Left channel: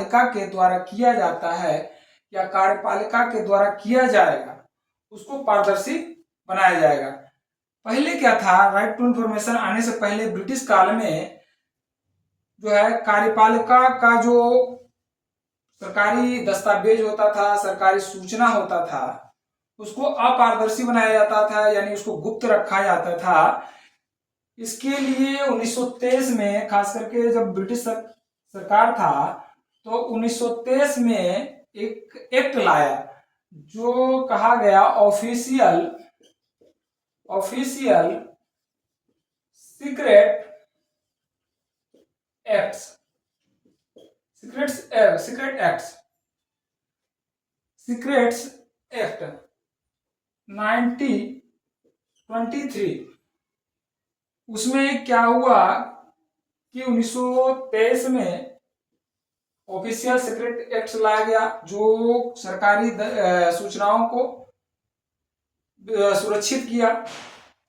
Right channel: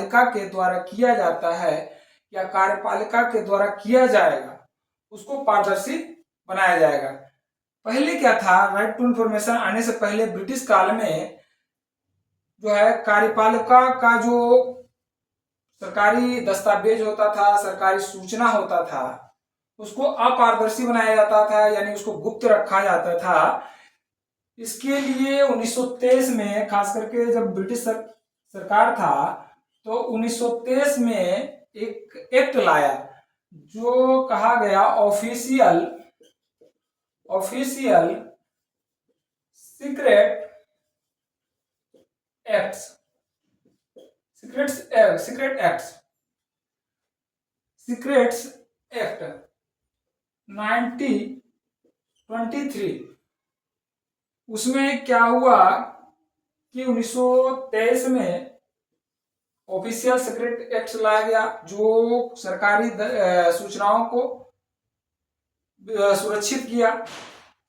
पालिका के द्वारा किया जाता है या कार्यपालिका के द्वारा किया जाएगा उसको पारदर्शी बनाया जाएगा। पहले क्या था, राइट टू इंफॉर्मेशन आने से पहले ब्रिटिश काल में जो है कार्यपालिका का जो सरकारी दस्तावेज होता था, सरकारी सूचना होता था, उसको अपारदर्शी बनाया जाता था, यानी उसको गुप्त रखा जाता था। इसके लिए 1923 में, खास करके जब ब्रिटिश सरकार था, तो 1923 में एक एक्ट लाया जो कहा गया official secret acts, secrets act 1923। उसमें क्या हुआ कि 1923 में ऑफिशियल सीक्रेट एक्ट लाया गया जो सरकारी सूचनाओं को सुरक्षित किया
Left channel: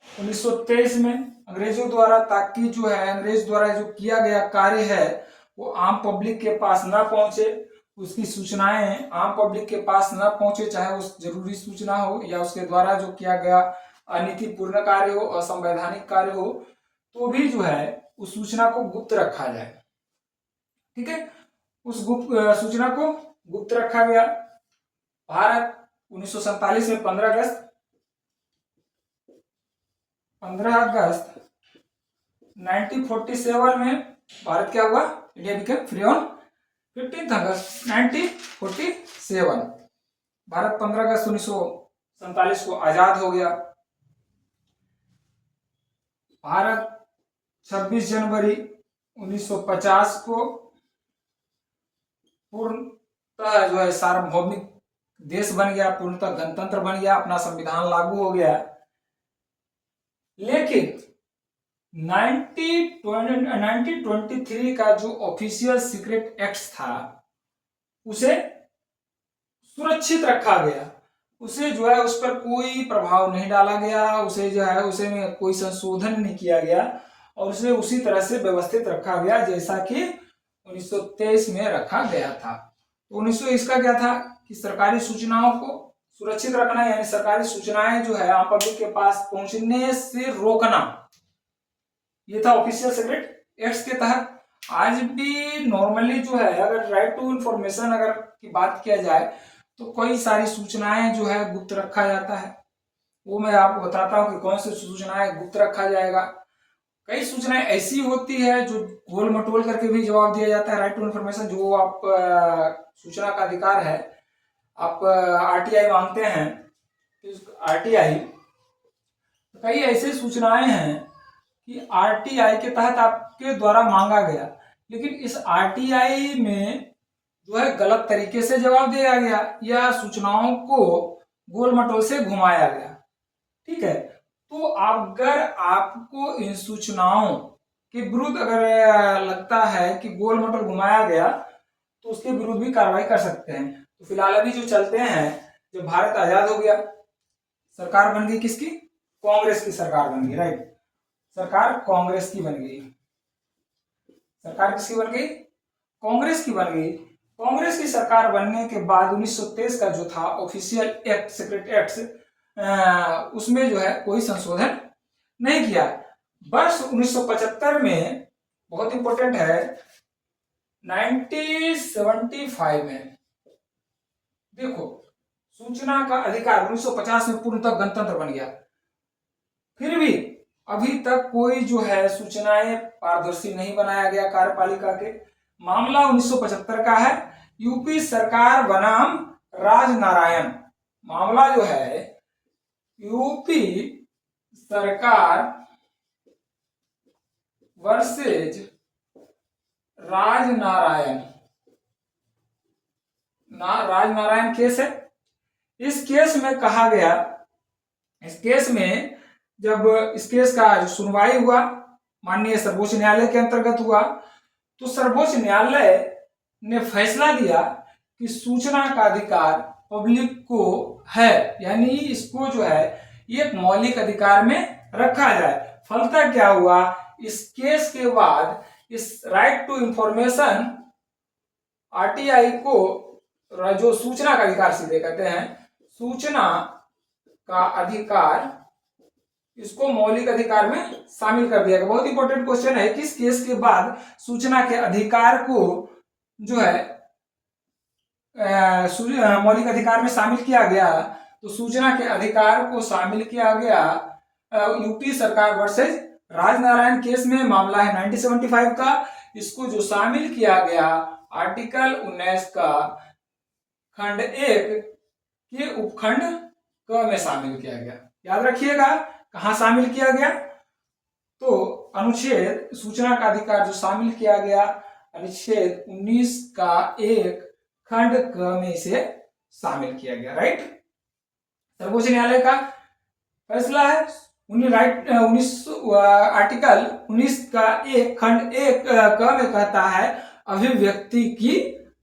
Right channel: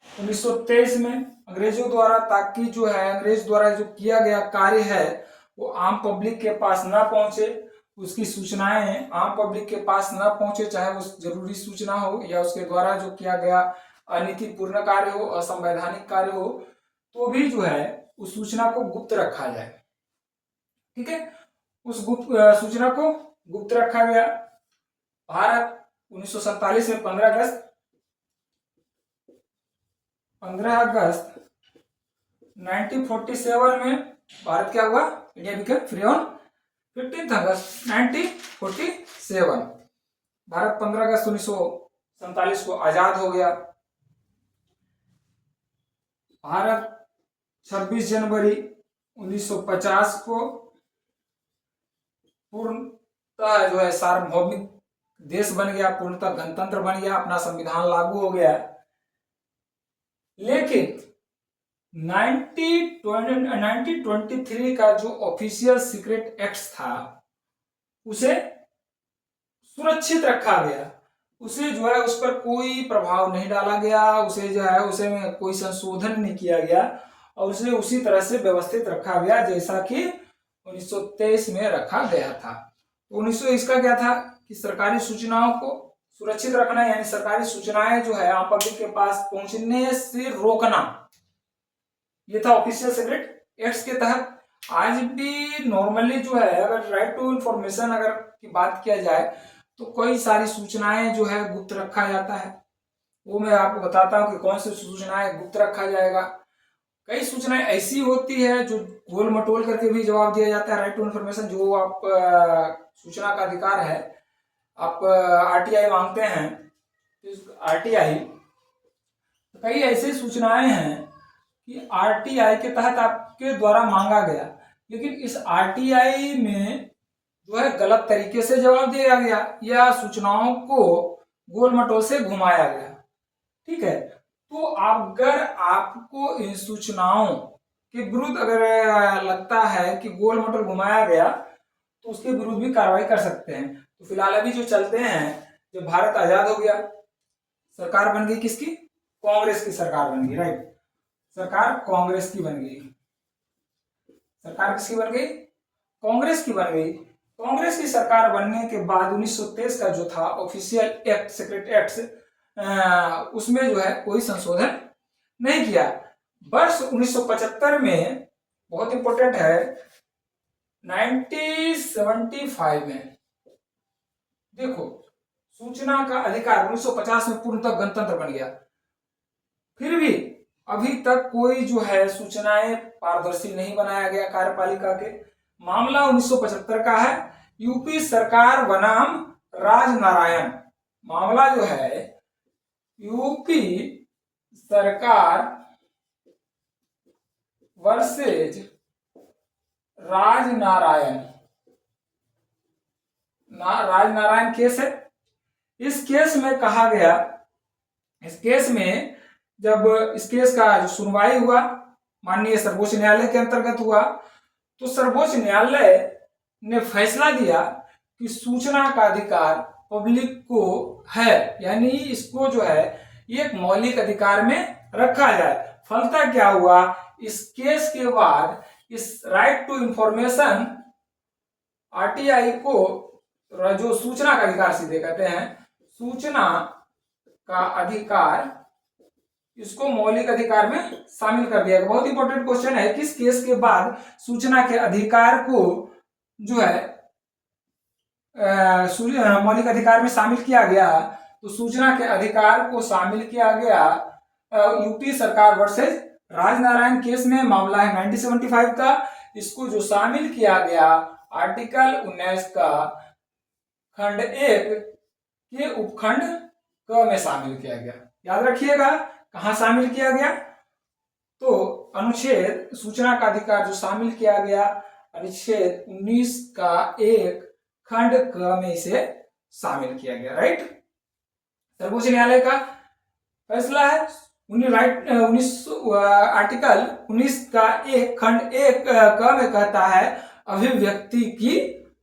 1923 में अंग्रेजों द्वारा, ताकि जो है अंग्रेज द्वारा जो किया गया कार्य है वो आम पब्लिक के पास ना पहुंचे, उसकी सूचनाएं आम पब्लिक के पास ना पहुंचे, चाहे वो जरूरी सूचना हो या उसके द्वारा जो किया गया अनीतिपूर्ण कार्य हो, असंवैधानिक कार्य हो, तो भी जो है उस सूचना को गुप्त रखा जाए। ठीक है, उस गुप्त सूचना को गुप्त रखा गया। भारत 1947 में 15 अगस्त 1947 में भारत क्या हुआ, इंडिया बिकेम फ्री ऑन 15 अगस्त 1947। भारत 15 अगस्त 1947 को आजाद हो गया। भारत 26 जनवरी 1950 को पूर्णतः जो है सार्वभौमिक देश बन गया, पूर्णतः गणतंत्र बन गया, अपना संविधान लागू हो गया। लेकिन 1923 का जो ऑफिशियल सीक्रेट एक्ट था उसे सुरक्षित रखा गया, उसे जो है उस पर कोई प्रभाव नहीं डाला गया, उसे जो है उसे में कोई संशोधन नहीं किया गया और उसे उसी तरह से व्यवस्थित रखा गया जैसा कि 1923 में रखा गया था। तो 1920 का क्या था कि सरकारी सूचनाओं को सुरक्षित रखना, यानी सरकारी सूचनाएं जो है आम पब्लिक के पास पहुंचने से रोकना, ये था ऑफिशियल सीक्रेट एक्ट्स के तहत। आज भी नॉर्मली जो है अगर राइट टू इंफॉर्मेशन अगर की बात किया जाए तो कई सारी सूचनाएं जो है गुप्त रखा जाता है। वो मैं आपको बताता हूं कि कौन सी सूचनाएं गुप्त रखा जाएगा। कई सूचनाएं ऐसी होती है जो गोल मटोल करके भी जवाब दिया जाता है। राइट टू इंफॉर्मेशन जो आप सूचना का अधिकार है, आप आरटीआई मांगते हैं, आरटीआई, कई ऐसी सूचनाएं हैं कि आरटीआई के तहत आपके द्वारा मांगा गया, लेकिन इस आरटीआई में जो है गलत तरीके से जवाब दिया गया या सूचनाओं को गोल मटोल से घुमाया गया। ठीक है, तो अगर आपको इन सूचनाओं के विरुद्ध अगर लगता है कि गोल मटोल घुमाया गया तो उसके विरुद्ध भी कार्रवाई कर सकते हैं। तो फिलहाल अभी जो चलते हैं, जब भारत आजाद हो गया, सरकार बन गई किसकी, कांग्रेस की सरकार बन गई। राइट, सरकार कांग्रेस की बन गई। सरकार किसकी बन गई, कांग्रेस की बन गई। कांग्रेस की सरकार बनने के बाद 1923 का जो था ऑफिशियल एक्ट, सीक्रेट एक्ट, उसमें जो है कोई संशोधन नहीं किया। वर्ष 1975 में, बहुत इंपॉर्टेंट है, 1975 में देखो सूचना का अधिकार 1950 में पूर्णतः गणतंत्र बन गया, फिर भी अभी तक कोई जो है सूचनाएं पारदर्शी नहीं बनाया गया कार्यपालिका के। मामला 1975 का है, यूपी सरकार बनाम राजनारायण। मामला जो है यूपी सरकार वर्सेज राजनारायण, राजनारायण केस है। इस केस में कहा गया, इस केस में जब इस केस का जो सुनवाई हुआ माननीय सर्वोच्च न्यायालय के अंतर्गत हुआ, तो सर्वोच्च न्यायालय ने फैसला दिया कि सूचना का अधिकार पब्लिक को है, यानी इसको जो है एक मौलिक अधिकार में रखा जाए। फलतः क्या हुआ, इस केस के बाद इस राइट टू इंफॉर्मेशन आरटीआई को जो सूचना का अधिकार सीधे कहते हैं, सूचना का अधिकार, इसको मौलिक अधिकार में शामिल कर दिया गया। बहुत इंपॉर्टेंट क्वेश्चन है, किस केस के बाद सूचना के अधिकार को जो है मौलिक अधिकार में शामिल किया गया? तो सूचना के अधिकार को शामिल किया गया यूपी सरकार वर्सेज राजनारायण केस में। मामला है 1975 का। इसको जो शामिल किया गया आर्टिकल 19 का खंड 1 के उपखंड क में शामिल किया गया। याद रखिएगा कहां शामिल किया गया? तो अनुच्छेद सूचना का अधिकार जो शामिल किया गया अनुच्छेद 19 का 1 खंड क में इसे शामिल किया गया। राइट, सर्वोच्च न्यायालय का फैसला है। आर्टिकल 19 का 1 खंड 1 क में कहता है अभिव्यक्ति की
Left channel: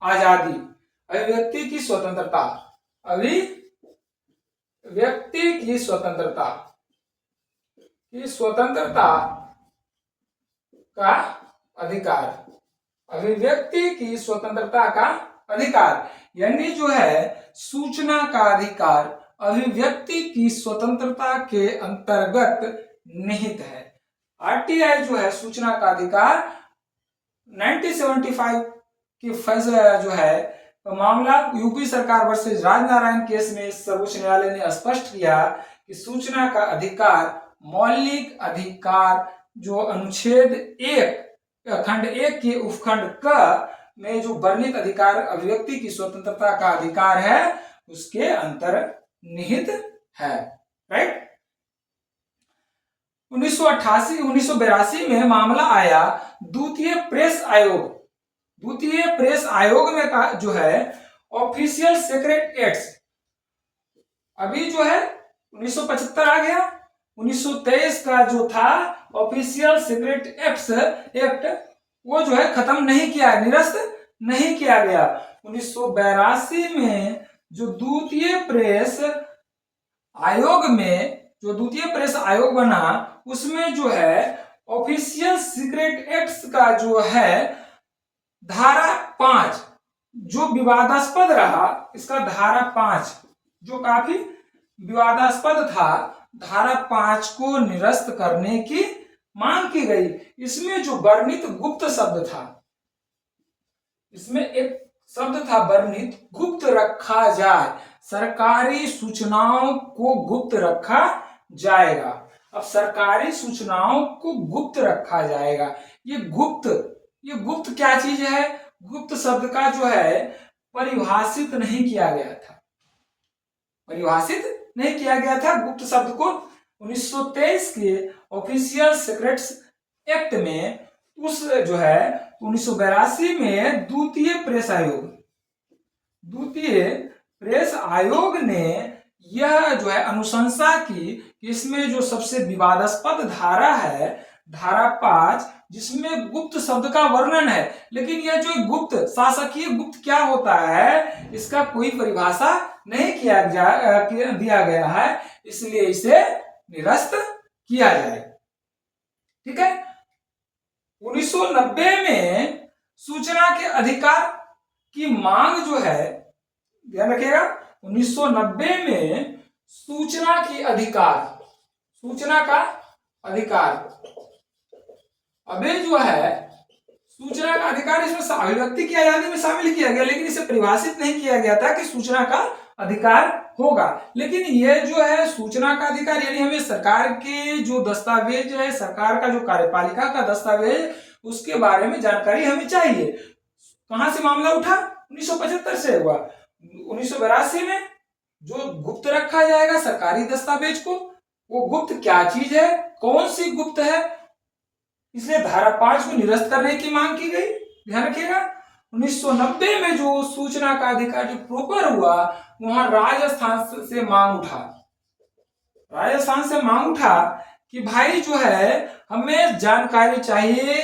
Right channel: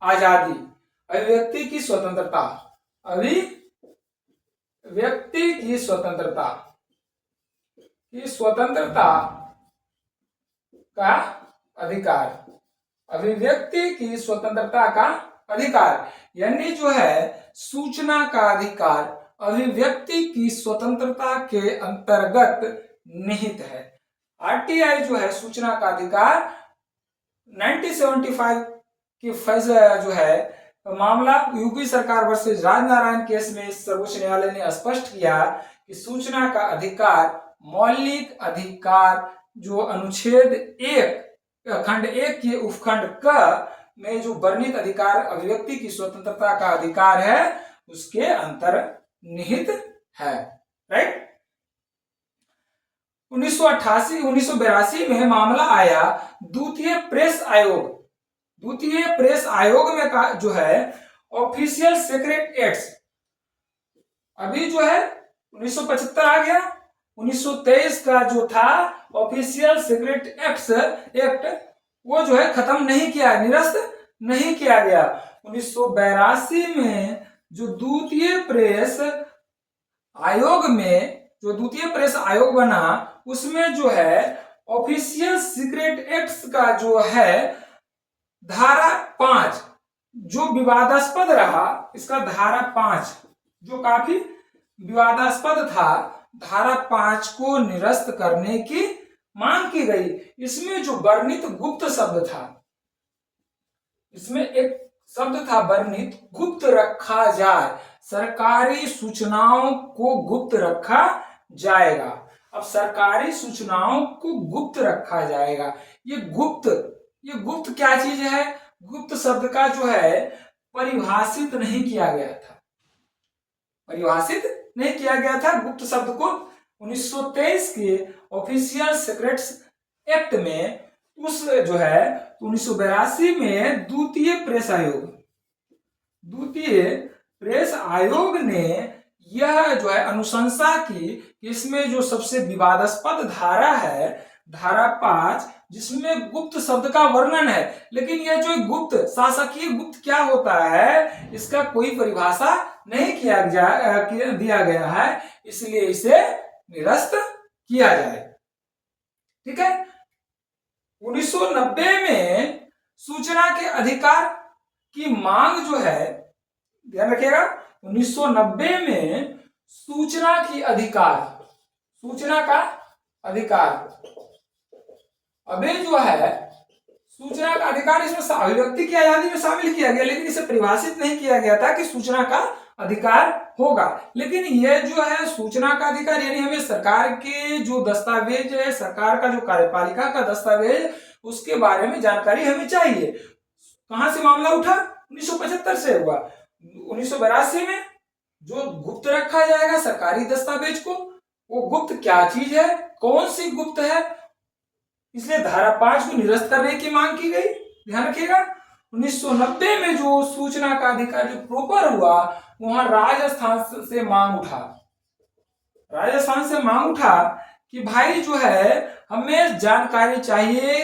आजादी, अभिव्यक्ति की स्वतंत्रता, अभिव्यक्ति की स्वतंत्रता का अधिकार, अभिव्यक्ति की स्वतंत्रता का अधिकार, यानी जो है सूचना का अधिकार अभिव्यक्ति की स्वतंत्रता के अंतर्गत निहित है। आरटीआई जो है सूचना का अधिकार 1975 की फैसला जो है मामला यूपी सरकार वर्सेज राजनारायण केस में सर्वोच्च न्यायालय ने स्पष्ट किया कि सूचना का अधिकार मौलिक अधिकार जो अनुच्छेद 1 खंड 1 के उपखंड क में जो वर्णित अधिकार अभिव्यक्ति की स्वतंत्रता का अधिकार है उसके अंतर्निहित है। राइट, 1982 में मामला आया द्वितीय प्रेस आयोग। द्वितीय प्रेस आयोग में जो है ऑफिशियल सीक्रेट एक्ट्स, अभी जो है 1975 आ गया, 1923 का जो था ऑफिशियल सीक्रेट एक्ट वो जो है खत्म नहीं किया, निरस्त नहीं किया गया। 1982 में जो द्वितीय प्रेस आयोग बना उसमें जो है ऑफिशियल सीक्रेट एक्ट्स का जो है धारा 5 जो विवादास्पद रहा, इसका धारा 5 जो काफी विवादास्पद था, धारा 5 को निरस्त करने की मांग की गई। इसमें जो वर्णित गुप्त शब्द था, इसमें एक शब्द था वर्णित, गुप्त रखा जाए, सरकारी सूचनाओं को गुप्त रखा जाएगा। अब सरकारी सूचनाओं को गुप्त रखा जाएगा, ये गुप्त क्या चीज है? गुप्त शब्द का जो है परिभाषित नहीं किया गया था, परिभाषित नहीं किया गया था गुप्त शब्द को। 1923 के ऑफिशियल सीक्रेट्स एक्ट में उस जो है 1982 में द्वितीय प्रेस आयोग ने यह जो है अनुशंसा की कि इसमें जो सबसे विवादास्पद धारा है धारा 5 जिसमें गुप्त शब्द का वर्णन है, लेकिन यह जो गुप्त शासकीय गुप्त क्या होता है इसका कोई परिभाषा नहीं दिया गया है, इसलिए इसे निरस्त किया जाए। ठीक है, 1990 में सूचना के अधिकार की मांग जो है, ध्यान रखिएगा, 1990 में सूचना का अधिकार अभी जो है सूचना का अधिकार इसमें अभिव्यक्ति की आजादी में शामिल किया गया, लेकिन इसे परिभाषित नहीं किया गया था कि सूचना का अधिकार होगा। लेकिन यह जो है सूचना का अधिकार यानी हमें सरकार के जो दस्तावेज है, सरकार का जो कार्यपालिका का दस्तावेज, उसके बारे में जानकारी हमें चाहिए। कहां से मामला उठा? 1975 से हुआ। 1982 में जो गुप्त रखा जाएगा सरकारी दस्तावेज को, वो गुप्त क्या चीज है, कौन सी गुप्त है, इसलिए धारा 5 को निरस्त करने की मांग की गई। ध्यान रखिएगा, 1990 में जो सूचना का अधिकार जो प्रॉपर हुआ वहां राजस्थान से मांग उठा कि भाई जो है हमें जानकारी चाहिए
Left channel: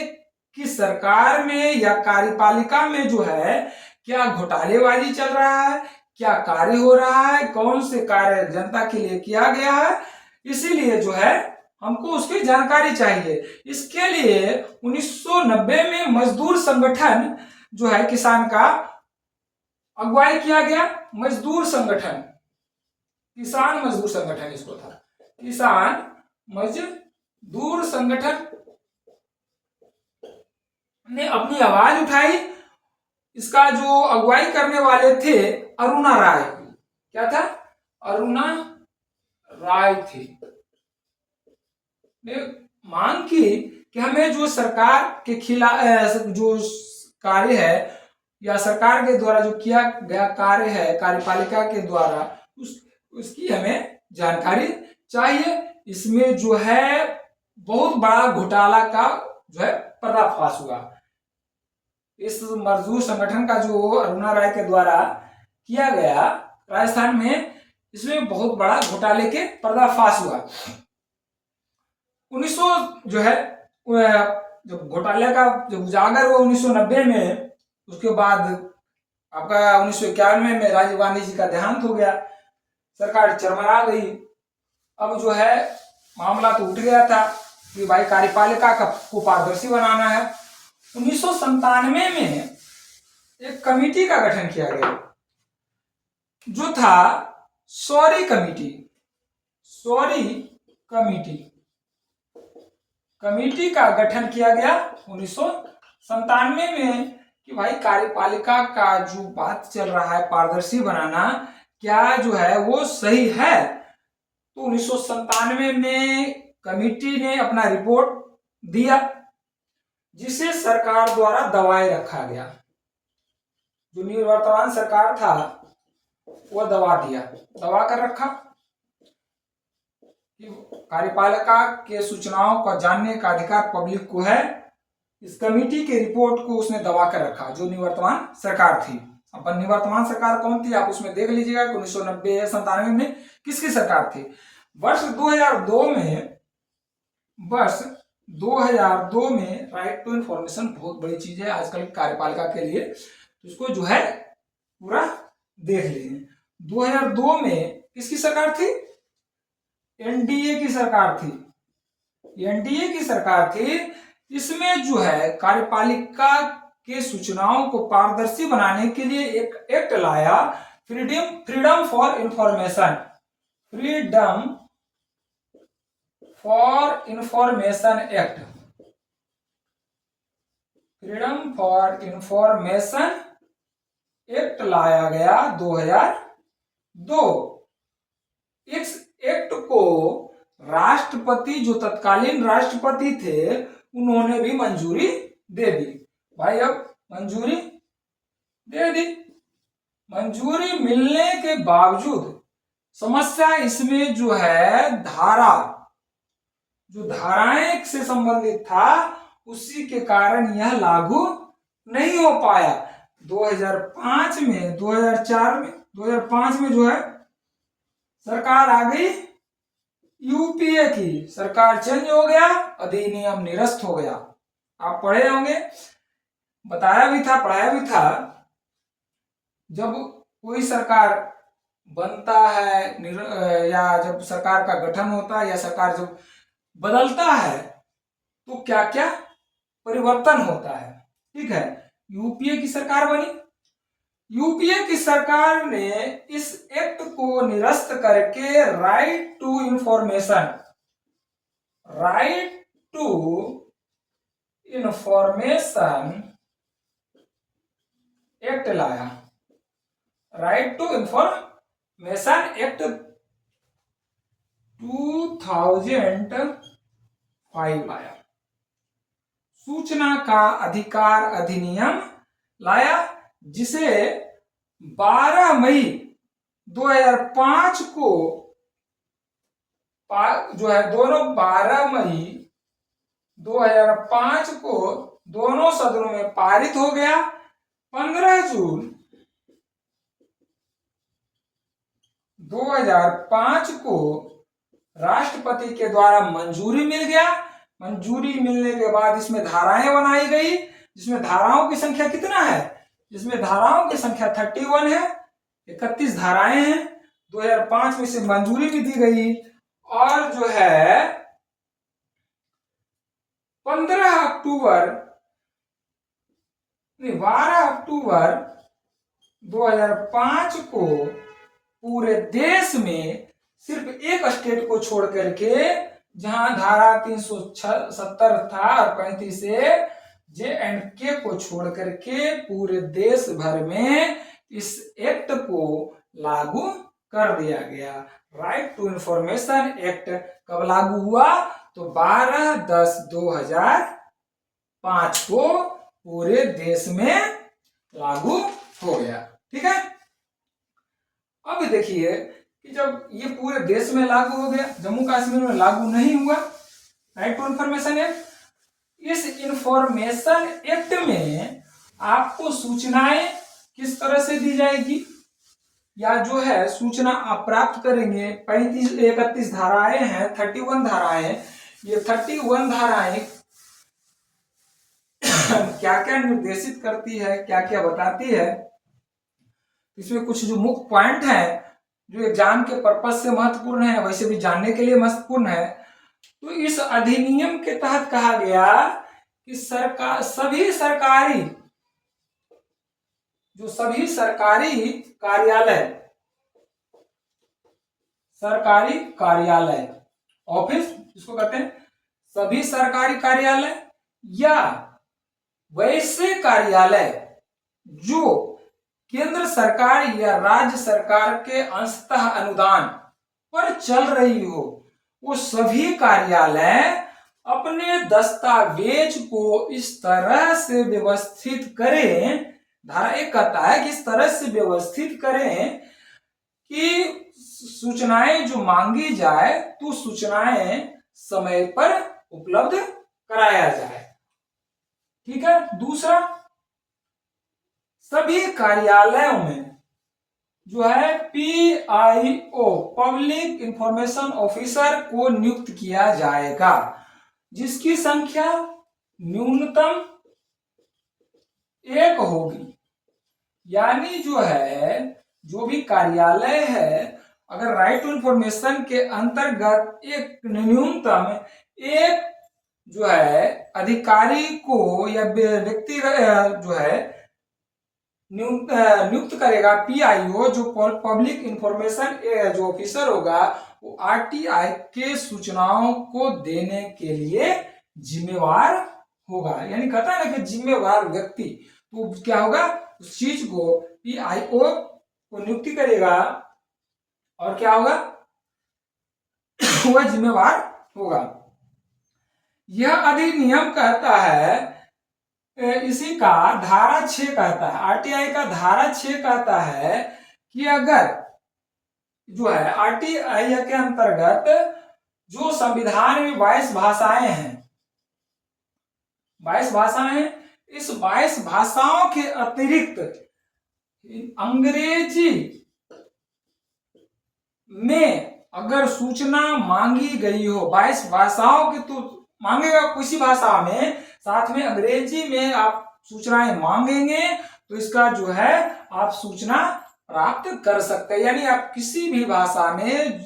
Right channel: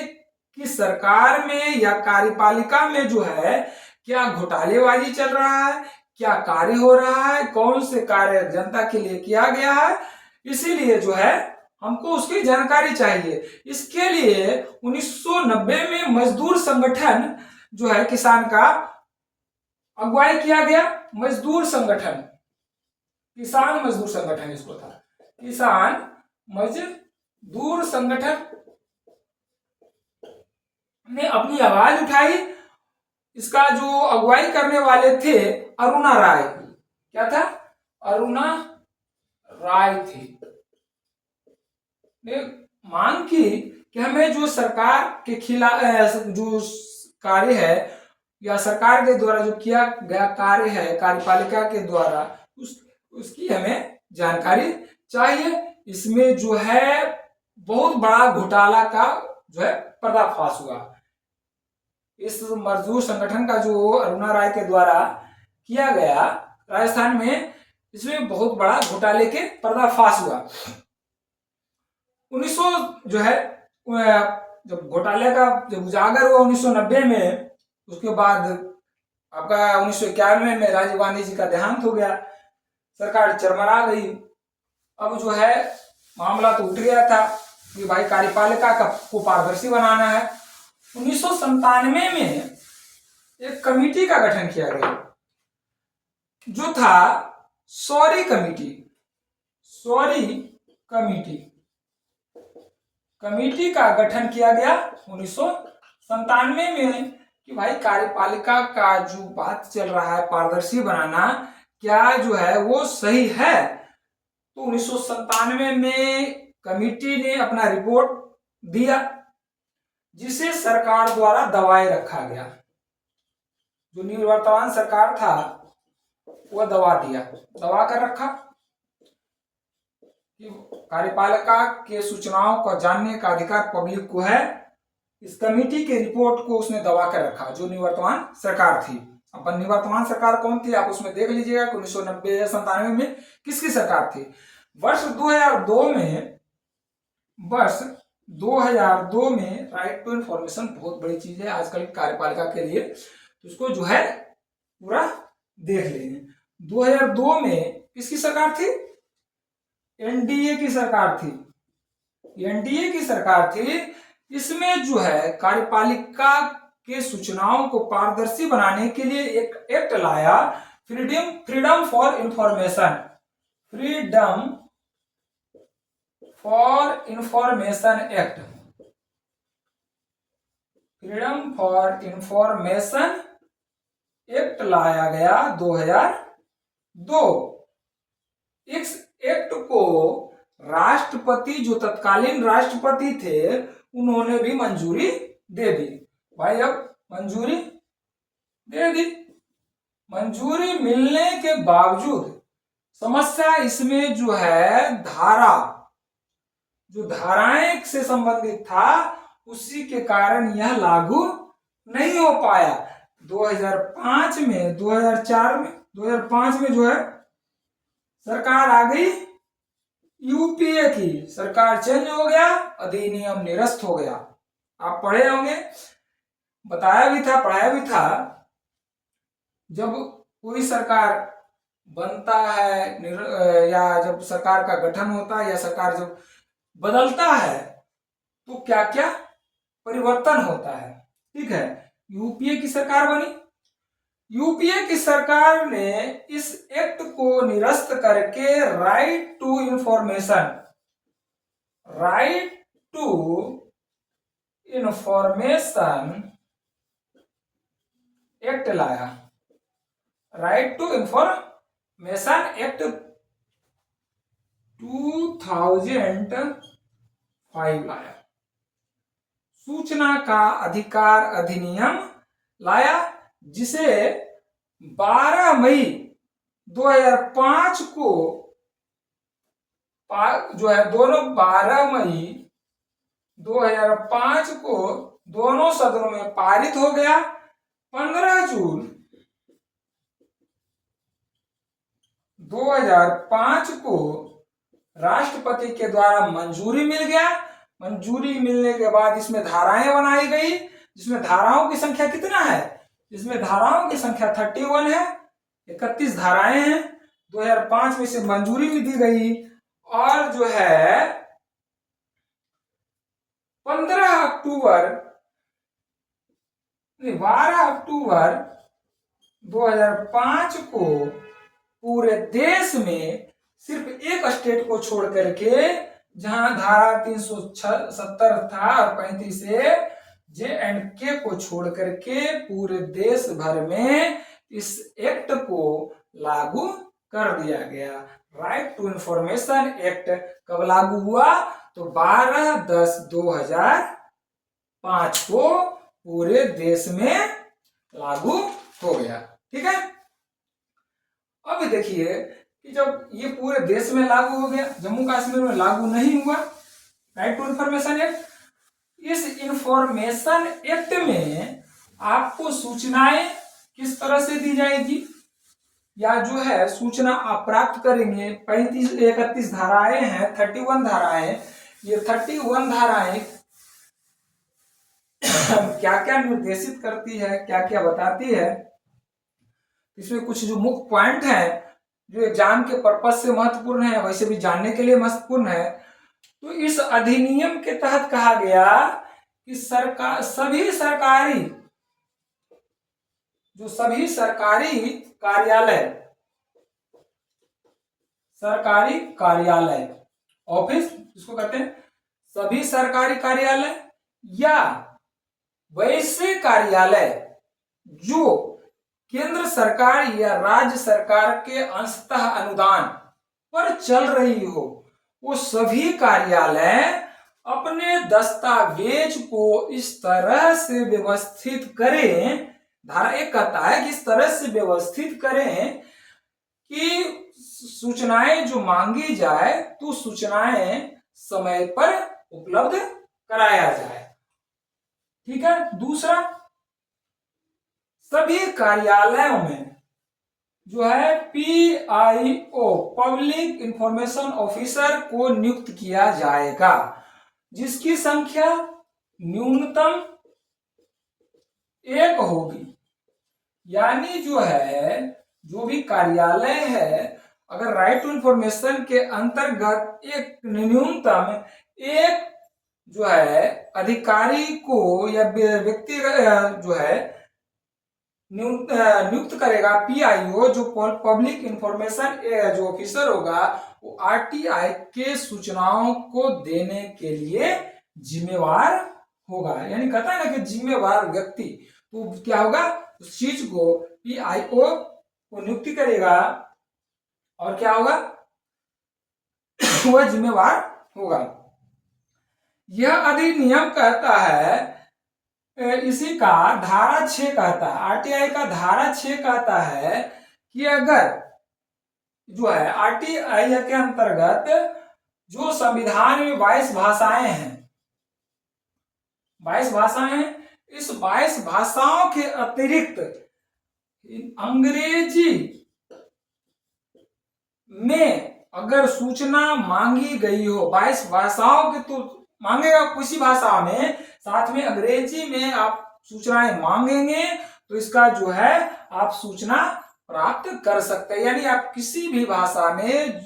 कि सरकार में या कार्यपालिका में जो है क्या घोटालेबाजी चल रहा है, क्या कार्य हो रहा है, कौन से कार्य जनता के लिए किया गया है, इसीलिए जो है हमको उसकी जानकारी चाहिए। इसके लिए 1990 में मजदूर संगठन जो है किसान का अगुवाई किया गया मजदूर संगठन, किसान मजदूर संगठन इसको था, किसान मजदूर संगठन ने अपनी आवाज उठाई। इसका जो अगुवाई करने वाले थे अरुणा राय, क्या था, अरुणा राय थी, ने मांग की कि हमें जो सरकार के खिलाफ जो कार्य है या सरकार के द्वारा जो किया गया कार्य है कार्यपालिका के द्वारा उसकी हमें जानकारी चाहिए। इसमें जो है बहुत बड़ा घोटाला का जो है पर्दाफाश हुआ। इस मजदूर संगठन का जो अरुणा राय के द्वारा किया गया राजस्थान में, इसमें बहुत बड़ा घोटाले के पर्दाफाश हुआ। 1900 जो है जब घोटाले का जब उजागर हुआ 1990 में, उसके बाद आपका 1991 में राजीव गांधी जी का देहांत हो गया, सरकार चरमरा गई। अब जो है मामला तो उठ गया था कि भाई कार्यपालिका को पारदर्शी बनाना है। 1997 में एक कमेटी का गठन किया गया जो था शौरी कमेटी। शौरी कमेटी का गठन किया गया 1997 में कि भाई कार्यपालिका का जो बात चल रहा है पारदर्शी बनाना, क्या जो है वो सही है। तो 1997 में कमेटी ने अपना रिपोर्ट दिया जिसे सरकार द्वारा दबाए रखा गया। जो निवर्तमान सरकार था वो दबा कर रखा कि कार्यपालिका के सूचनाओं को जानने का अधिकार पब्लिक को है। इस कमेटी के रिपोर्ट को उसने दबा कर रखा, जो निवर्तमान सरकार थी। अब निवर्तमान सरकार कौन थी आप उसमें देख लीजिएगा 1990 या 97 में किसकी सरकार थी। वर्ष 2002 में राइट टू इंफॉर्मेशन बहुत बड़ी चीज है आजकल कार्यपालिका के लिए, तो इसको जो है पूरा देख लेंगे। 2002 में किसकी सरकार थी, एनडीए की सरकार थी, एनडीए की सरकार थी। इसमें जो है कार्यपालिका के सूचनाओं को पारदर्शी बनाने के लिए एक एक्ट लाया, freedom for information act. Freedom for information act लाया गया 2002। इस एक्ट को राष्ट्रपति, जो तत्कालीन राष्ट्रपति थे, उन्होंने भी मंजूरी दे दी। भाई अब मंजूरी दे दी। मंजूरी मिलने के बावजूद समस्या इसमें जो है जो धाराएं से संबंधित था उसी के कारण यह लागू नहीं हो पाया। 2005 में 2005 में जो है सरकार आ गई यूपीए की, सरकार चेंज हो गया, अधिनियम निरस्त हो गया। आप पढ़े होंगे, बताया भी था, पढ़ाया भी था। जब कोई सरकार बनता है या जब सरकार का गठन होता है या सरकार जब बदलता है तो क्या क्या परिवर्तन होता है, ठीक है। यूपीए की सरकार बनी। यूपीए की सरकार ने इस एक्ट को निरस्त करके राइट टू इंफॉर्मेशन एक्ट लाया। राइट टू इंफॉर्मेशन एक्ट 2005 लाया। सूचना का अधिकार अधिनियम लाया, जिसे 12 मई 2005 को जो है 12 मई 2005 को दोनों सदनों में पारित हो गया। 15 जून 2005 को राष्ट्रपति के द्वारा मंजूरी मिल गया। मंजूरी मिलने के बाद इसमें धाराएं बनाई गई, जिसमें धाराओं की संख्या कितना है, इसमें धाराओं की संख्या 31 है, 31 धाराएं हैं। 2005 में इसे मंजूरी भी दी गई और जो है 12 अक्टूबर 2005 को पूरे देश में सिर्फ एक स्टेट को छोड़ करके, जहां धारा 370 था और 35 से J&K को छोड़ करके पूरे देश भर में इस एक्ट को लागू कर दिया गया। राइट टू इंफॉर्मेशन एक्ट कब लागू हुआ? तो 12/10/2005 को पूरे देश में लागू हो गया। ठीक है, अब देखिए कि जब ये पूरे देश में लागू हो गया, जम्मू कश्मीर में लागू नहीं हुआ राइट टू इंफॉर्मेशन एक्ट। इस इंफॉर्मेशन एक्ट में आपको सूचनाएं किस तरह से दी जाएगी, या जो है सूचना आप प्राप्त करेंगे। 35-31 धाराएं हैं, 31 धाराएं। ये 31 धाराएं क्या क्या निर्देशित करती है, क्या क्या बताती है, इसमें कुछ जो मुख्य पॉइंट है जो एग्जाम के पर्पज से महत्वपूर्ण है, वैसे भी जानने के लिए महत्वपूर्ण है। तो इस अधिनियम के तहत कहा गया कि सभी सरकारी कार्यालय ऑफिस जिसको कहते हैं, सभी सरकारी कार्यालय या वैसे कार्यालय जो केंद्र सरकार या राज्य सरकार के अंशतः अनुदान पर चल रही हो, वो सभी कार्यालय अपने दस्तावेज को इस तरह से व्यवस्थित करें, धारा 1 कहता है कि इस तरह से व्यवस्थित करें कि सूचनाएं जो मांगी जाए तो सूचनाएं समय पर उपलब्ध कराया जाए। ठीक है, दूसरा, सभी कार्यालयों में जो है PIO पब्लिक इंफॉर्मेशन ऑफिसर को नियुक्त किया जाएगा, जिसकी संख्या न्यूनतम 1 होगी। यानी जो है जो भी कार्यालय है, अगर राइट टू इंफॉर्मेशन के अंतर्गत एक न्यूनतम एक जो है अधिकारी को या व्यक्ति जो है नियुक्त करेगा, PIO जो पब्लिक इंफॉर्मेशन जो ऑफिसर होगा, वो RTI के सूचनाओं को देने के लिए जिम्मेवार होगा। यानी कहता है ना कि जिम्मेवार व्यक्ति, तो क्या होगा, उस चीज को PIO को नियुक्ति करेगा और क्या होगा वह जिम्मेवार होगा। यह अधिनियम कहता है, इसी का धारा 6 कहता है, RTI का धारा 6 कहता है कि अगर जो है RTI के अंतर्गत जो संविधान में 22 भाषाएं हैं, 22 भाषाएं, इस 22 भाषाओं के अतिरिक्त अंग्रेजी में अगर सूचना मांगी गई हो, 22 भाषाओं की तो मांगेगा किसी भाषा में, साथ में अंग्रेजी में आप सूचनाएं मांगेंगे तो इसका जो है आप सूचना प्राप्त कर सकते हैं। यानी आप किसी भी भाषा में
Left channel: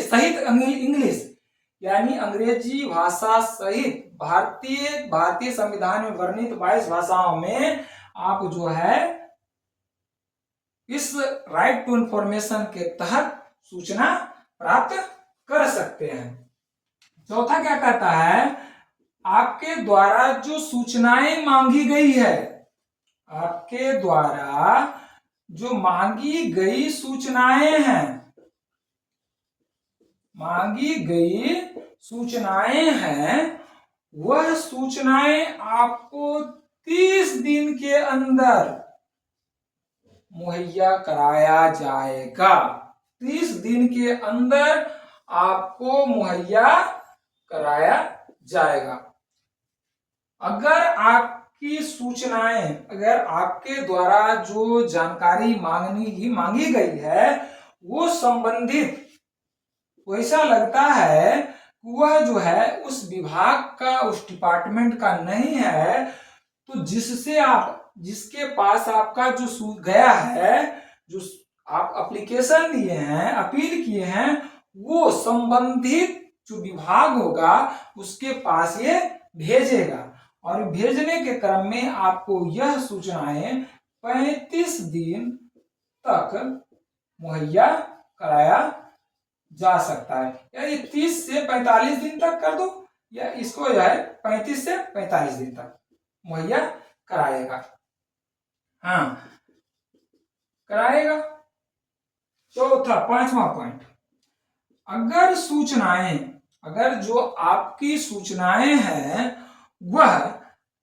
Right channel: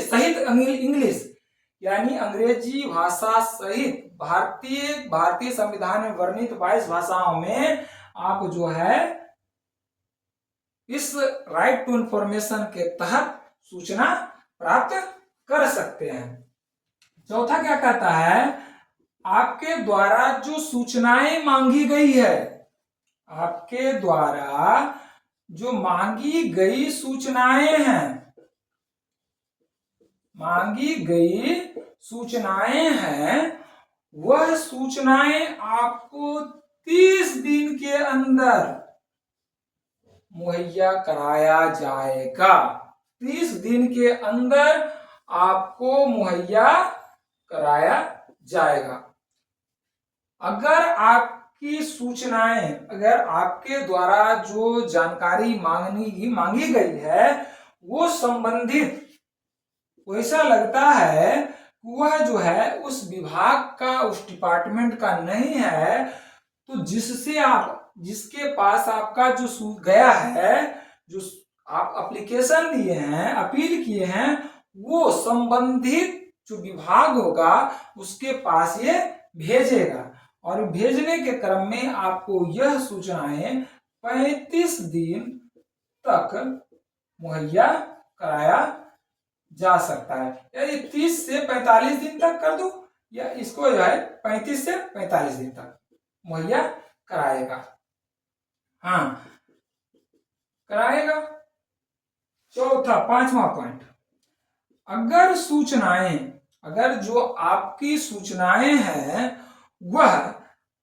सहित इंग्लिश, यानी अंग्रेजी भाषा सहित भारतीय संविधान में वर्णित 22 भाषाओं में आप जो है इस राइट टू इंफॉर्मेशन के तहत सूचना प्राप्त कर सकते हैं। चौथा क्या कहता है, आपके द्वारा जो सूचनाएं मांगी गई है, आपके द्वारा जो मांगी गई सूचनाएं हैं, वह सूचनाएं आपको 30 दिन के अंदर मुहैया कराया जाएगा। 30 दिन के अंदर आपको मुहैया कराया जाएगा। अगर आपकी सूचनाएं, अगर आपके द्वारा जो जानकारी मांगी गई है वो संबंधित वैसा लगता है वह जो है उस विभाग का, उस डिपार्टमेंट का नहीं है, तो जिसके पास आपका जो गया है, जो आप एप्लीकेशन दिए हैं, अपील किए हैं, वो संबंधित जो विभाग होगा उसके पास ये भेजेगा और भेजने के क्रम में आपको यह सूचनाएं 35 दिन तक मुहैया कराया जा सकता है। या ये 30 से 45 दिन तक कर दो, या इसको जो है 35 से 45 दिन तक मुहैया कराएगा। हाँ, कराएगा। चौथा, पांचवा पॉइंट, अगर जो आपकी सूचनाएं हैं वह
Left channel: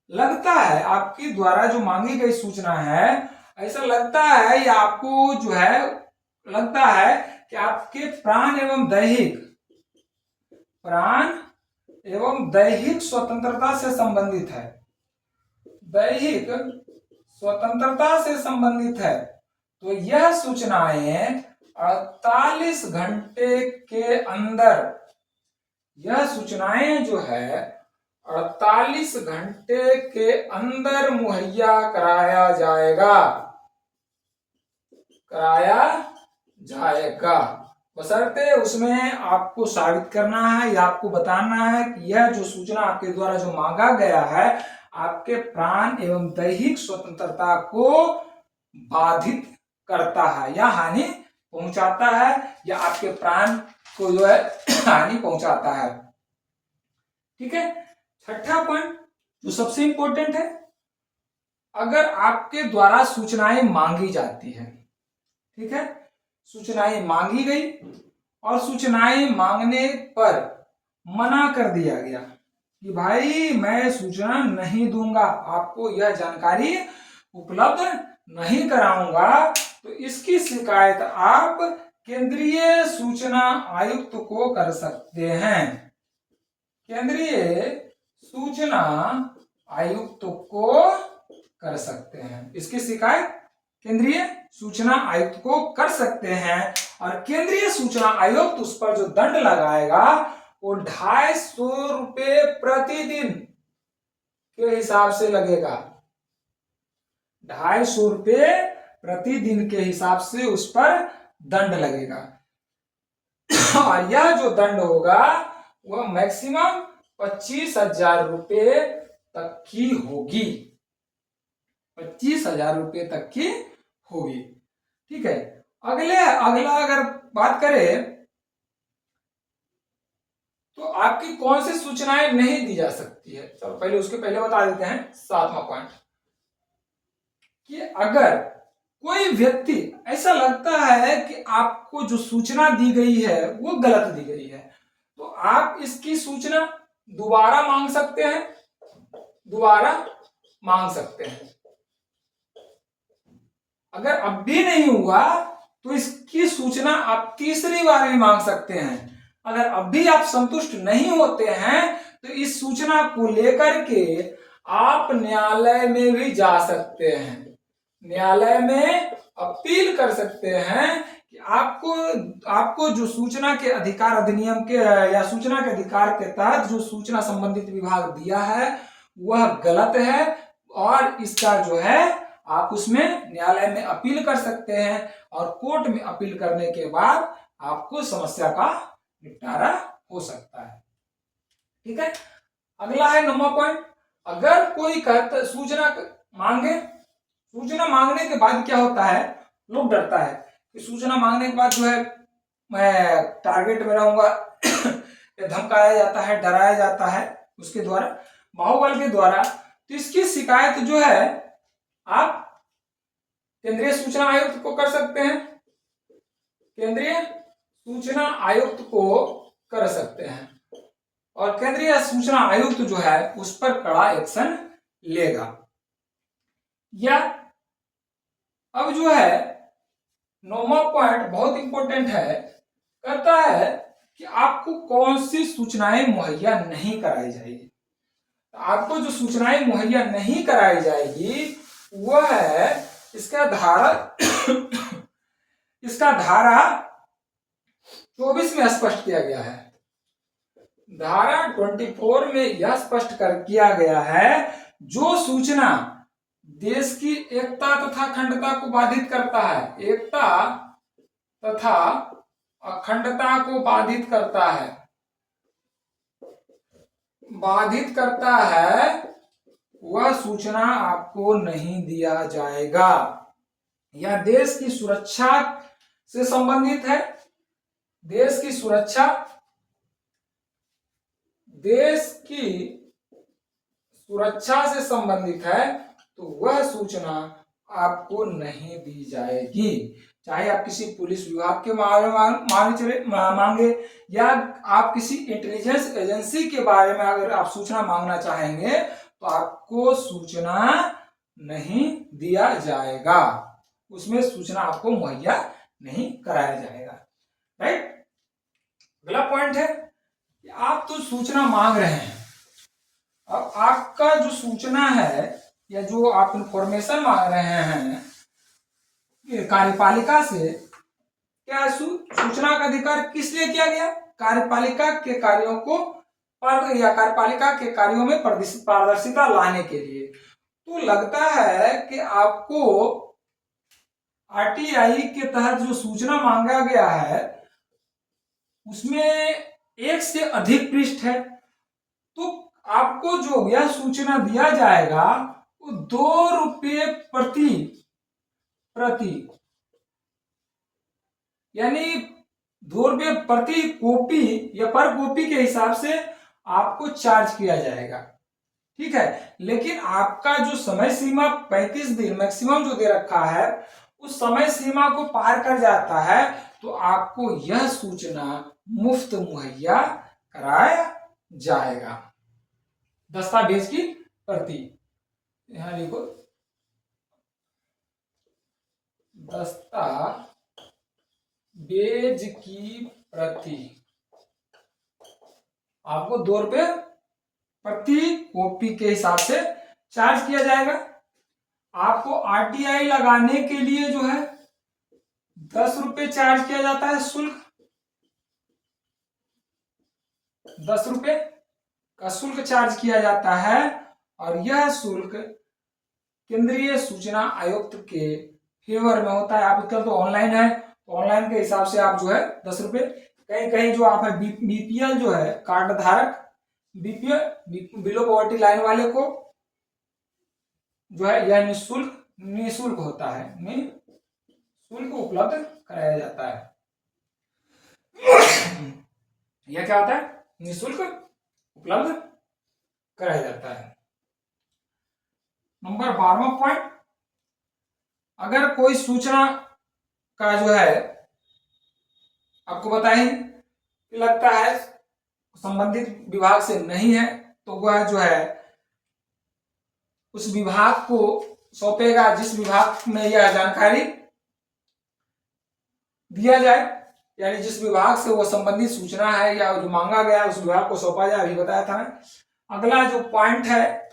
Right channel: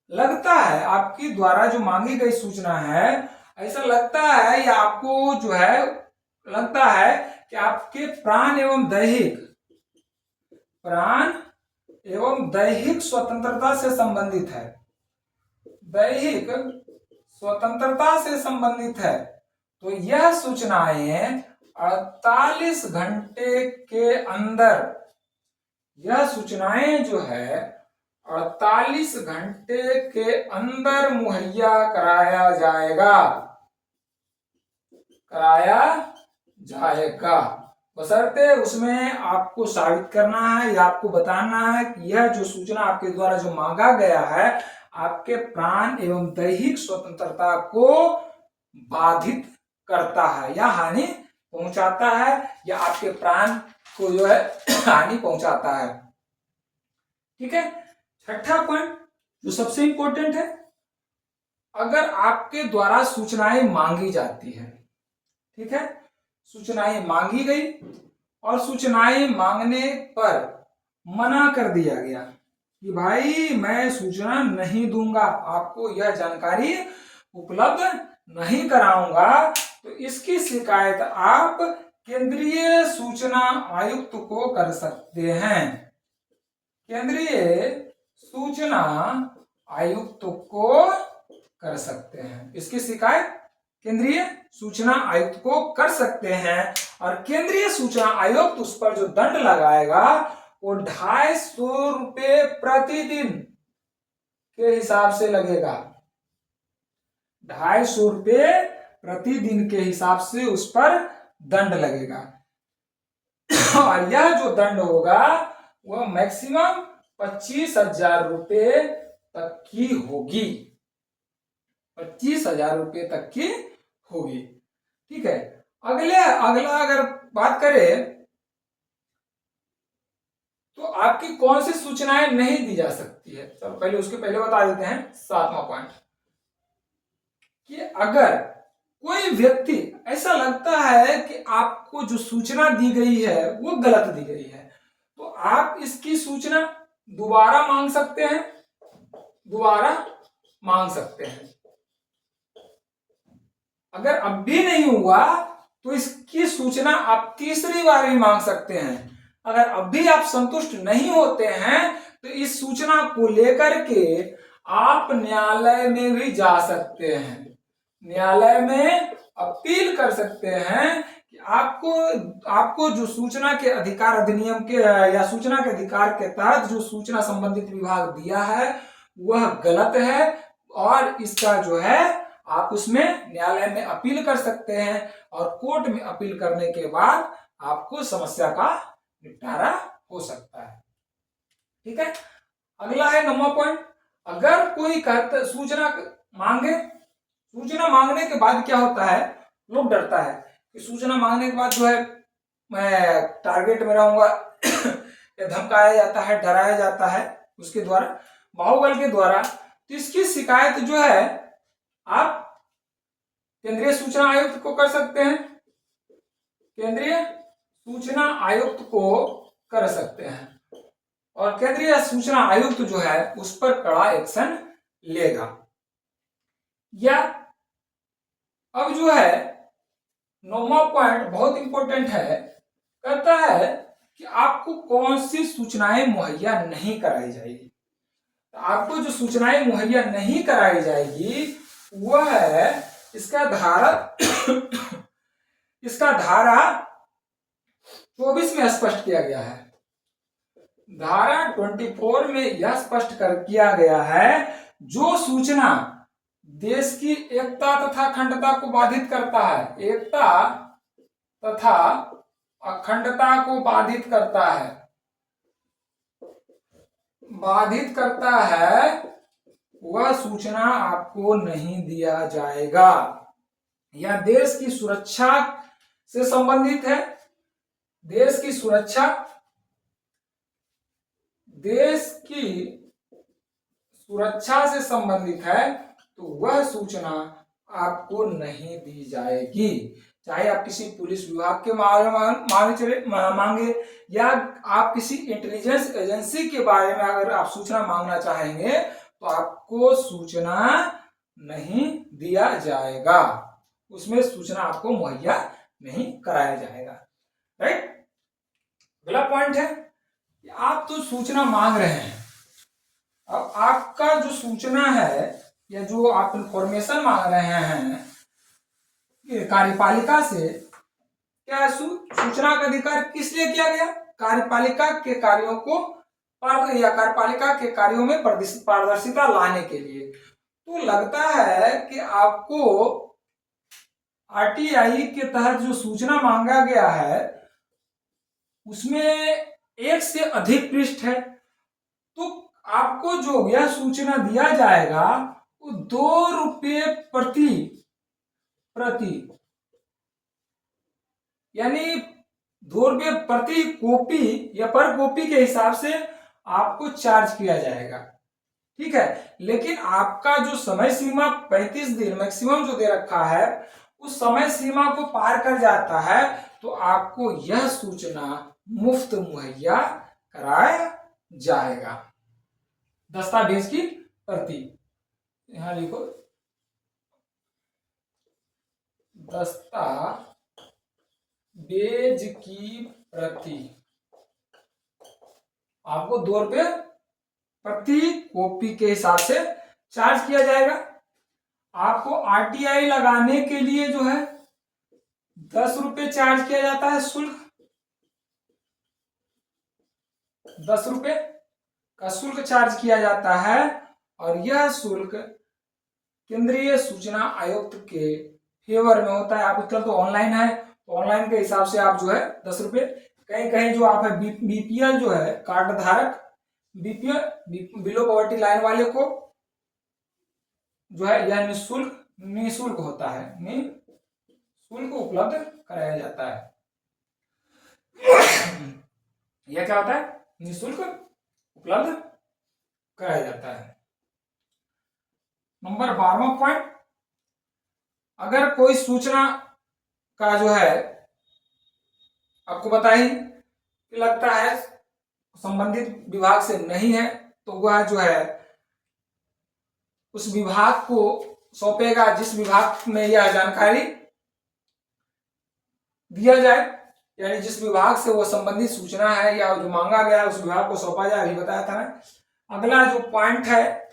लगता है आपकी द्वारा जो मांगी गई सूचना है, ऐसा लगता है या आपको जो है लगता है कि आपके प्राण एवं दैहिक स्वतंत्रता से संबंधित है, दैहिक स्वतंत्रता से संबंधित है, तो यह सूचनाएं 48 घंटे के अंदर, यह सूचनाएं जो है 48 घंटे के अंदर मुहैया कराया जाएगा, बशर्ते उसमें आपको साबित करना है या आपको बताना है कि यह जो सूचना आपके द्वारा जो मांगा गया है आपके प्राण एवं दैहिक स्वतंत्रता को बाधित करता है या हानि पहुंचाता है, या आपके प्राण को जो है हानि पहुंचाता है। ठीक है। छठा पॉइंट जो सबसे इंपॉर्टेंट है, अगर आपके द्वारा सूचनाएं मांगी जाती है, ठीक है, सूचनाएं मांगी गई और सूचनाएं मांगने पर मना कर दिया गया कि भाई मैं सूचना नहीं दूंगा, आपको यह जानकारी उपलब्ध नहीं कराऊंगा, तो इसकी शिकायत आप केंद्रीय सूचना आयुक्त को कर सकते हैं, केंद्रीय सूचना आयुक्त को कर सकते हैं। इसकी शिकायत केंद्रीय सूचना आयुक्त को कर सकते हैं और केंद्रीय सूचना आयुक्त उस पर जो दंड लगाएगा वो 250 रुपये प्रतिदिन के हिसाब से लगेगा, 250 रुपये प्रतिदिन के हिसाब से उस पर दंड लगेगा। और यह जो दंड होगा वह मैक्सिमम 25,000 रुपये तक की होगी, 25,000 रुपये तक की होगी। ठीक है। अगला अगर बात करें तो आपकी कौन सी सूचनाएं नहीं दी जा सकती है, तो पहले बता देते हैं 7वां पॉइंट, कि अगर कोई व्यक्ति ऐसा लगता है कि आपको जो सूचना दी गई है वो गलत दी गई है, तो आप इसकी सूचना दोबारा मांग सकते हैं। अगर अब भी नहीं हुआ तो इसकी सूचना आप तीसरी बार भी मांग सकते हैं। अगर अब भी आप संतुष्ट नहीं होते हैं तो इस सूचना को लेकर के आप न्यायालय में भी जा सकते हैं, न्यायालय में अपील कर सकते हैं कि आपको जो सूचना के अधिकार अधिनियम के या सूचना के अधिकार के तहत जो सूचना संबंधित विभाग दिया है वह गलत है, और इसका जो है आप उसमें न्यायालय में अपील कर सकते हैं और कोर्ट में अपील करने के बाद आपको समस्या का निपटारा हो सकता है। ठीक है। अगला है 9वां पॉइंट, अगर कोई सूचना मांगने के बाद क्या होता है, लोग डरता है कि सूचना मांगने के बाद जो है मैं टारगेट में रहूंगा या धमकाया जाता है, डराया जाता है उसके द्वारा, बाहुबल के द्वारा। तो इसकी शिकायत जो है आप केंद्रीय सूचना आयुक्त को कर सकते हैं, केंद्रीय सूचना आयुक्त को कर सकते हैं और केंद्रीय सूचना आयुक्त जो है उस पर कड़ा एक्शन लेगा। या अब जो है 9वां पॉइंट बहुत इंपॉर्टेंट है, कहता है कि आपको कौन सी सूचनाएं मुहैया नहीं कराई जाएगी। तो आपको जो सूचनाएं मुहैया नहीं कराई जाएगी वह है इसका धारा 24 में स्पष्ट किया गया है। धारा 24 में यह स्पष्ट किया गया है, जो सूचना देश की एकता तथा अखंडता को बाधित करता है, एकता तथा अखंडता को बाधित करता है वह सूचना आपको नहीं दिया जाएगा। यह देश की सुरक्षा से संबंधित है। देश की सुरक्षा, देश की सुरक्षा से संबंधित है, तो वह सूचना आपको नहीं दी जाएगी। चाहे आप किसी पुलिस विभाग के मांगे या आप किसी इंटेलिजेंस एजेंसी के बारे में अगर आप सूचना मांगना चाहेंगे तो आपको सूचना नहीं दिया जाएगा, उसमें सूचना आपको मुहैया नहीं कराया जाएगा। राइट। अगला पॉइंट है कि आप तो सूचना मांग रहे हैं, अब आपका जो सूचना है या जो आप इंफॉर्मेशन मांग रहे हैं कार्यपालिका से, क्या सूचना का अधिकार किस लिए किया गया? कार्यपालिका के कार्यों को या कार्यपालिका के कार्यों में पारदर्शिता लाने के लिए। तो लगता है कि आपको आरटीआई के तहत जो सूचना मांगा गया है उसमें एक से अधिक पृष्ठ है, तो आपको जो यह सूचना दिया जाएगा वो 2 रुपये प्रति यानी 2 रुपये प्रति कॉपी या पर कॉपी के हिसाब से आपको चार्ज किया जाएगा। ठीक है, लेकिन आपका जो समय सीमा 35 दिन मैक्सिमम जो दे रखा है उस समय सीमा को पार कर जाता है तो आपको यह सूचना मुफ्त मुहैया कराया जाएगा। दस्तावेज की प्रति, यहां लिखो दस्तावेज की प्रति आपको 2 रुपये प्रति कॉपी के हिसाब से चार्ज किया जाएगा। आपको आरटीआई लगाने के लिए जो है 10 रुपये चार्ज किया जाता है शुल्क, 10 रुपये का शुल्क चार्ज किया जाता है और यह शुल्क केंद्रीय सूचना आयुक्त के फेवर में होता है। आप आजकल तो ऑनलाइन है, तो ऑनलाइन के हिसाब से आप जो है 10 रुपये, कहीं कहीं जो आप है बीपीएल जो है कार्ड धारक, बीपीएल बिलो पॉवर्टी लाइन वाले को जो है यह निःशुल्क होता है, निःशुल्क उपलब्ध कराया जाता है। यह क्या होता है? निःशुल्क उपलब्ध कराया जाता है। नंबर 12वां पॉइंट, अगर कोई सूचना का जो है आपको बताएं कि लगता है संबंधित विभाग से नहीं है तो वह जो है उस विभाग को सौंपेगा जिस विभाग में यह जानकारी दिया जाए, यानी जिस विभाग से वो संबंधित सूचना है या जो मांगा गया है उस विभाग को सौंपा जाए, अभी बताया था मैं। अगला जो पॉइंट है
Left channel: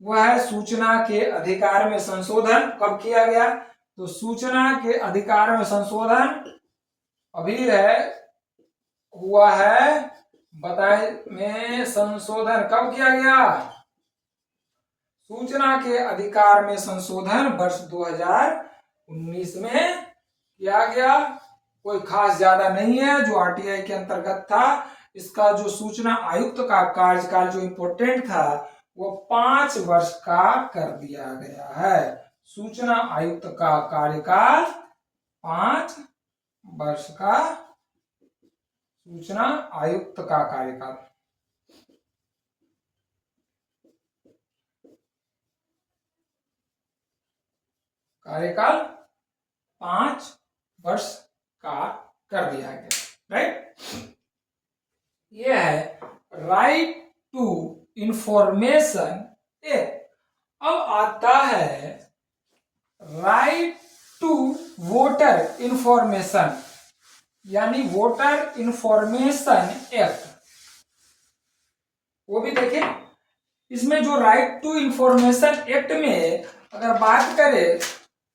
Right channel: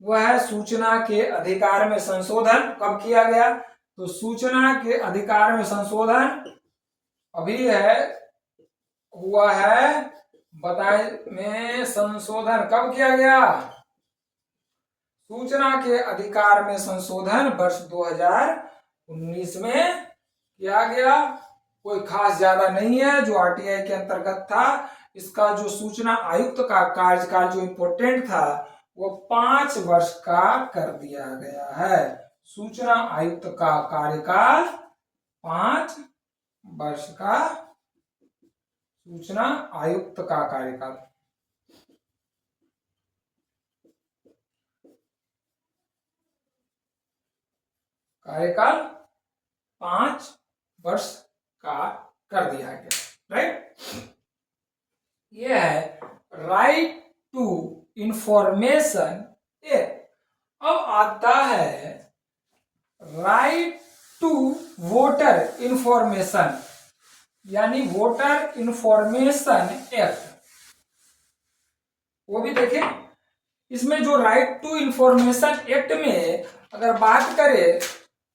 वह है सूचना के अधिकार में संशोधन कब किया गया? तो सूचना के अधिकार में संशोधन अभी हुआ है, बताए में संशोधन कब किया गया? सूचना के अधिकार में संशोधन वर्ष 2019 में किया गया। कोई खास ज्यादा नहीं है, जो आरटीआई के अंतर्गत था। इसका जो सूचना आयुक्त का कार्यकाल जो इम्पोर्टेंट था वो 5 वर्ष का कर दिया गया है। सूचना आयुक्त का कार्यकाल 5 वर्ष का, सूचना आयुक्त का कार्यकाल। कार्यकाल 5 वर्ष का कर दिया गया। राइट, ये है राइट टू इंफॉर्मेशन एक्ट। अब आता है राइट टू वोटर इंफॉर्मेशन, यानी वोटर इंफॉर्मेशन एक्ट। वो भी देखिए, इसमें जो राइट टू इंफॉर्मेशन एक्ट में अगर बात करें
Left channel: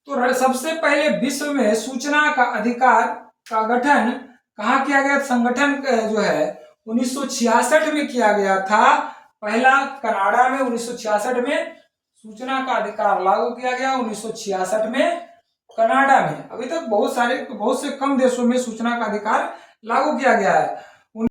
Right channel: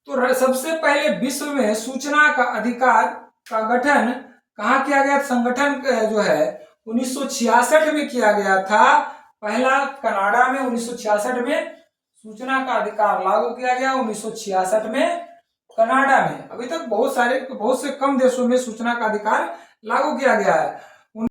तो सबसे पहले विश्व में सूचना का अधिकार का गठन कहाँ किया गया? संगठन जो है 1966 में किया गया था। पहला कनाडा में 1966 में सूचना का अधिकार लागू किया गया, 1966 में कनाडा में। अभी तक बहुत से कम देशों में सूचना का अधिकार लागू किया गया है।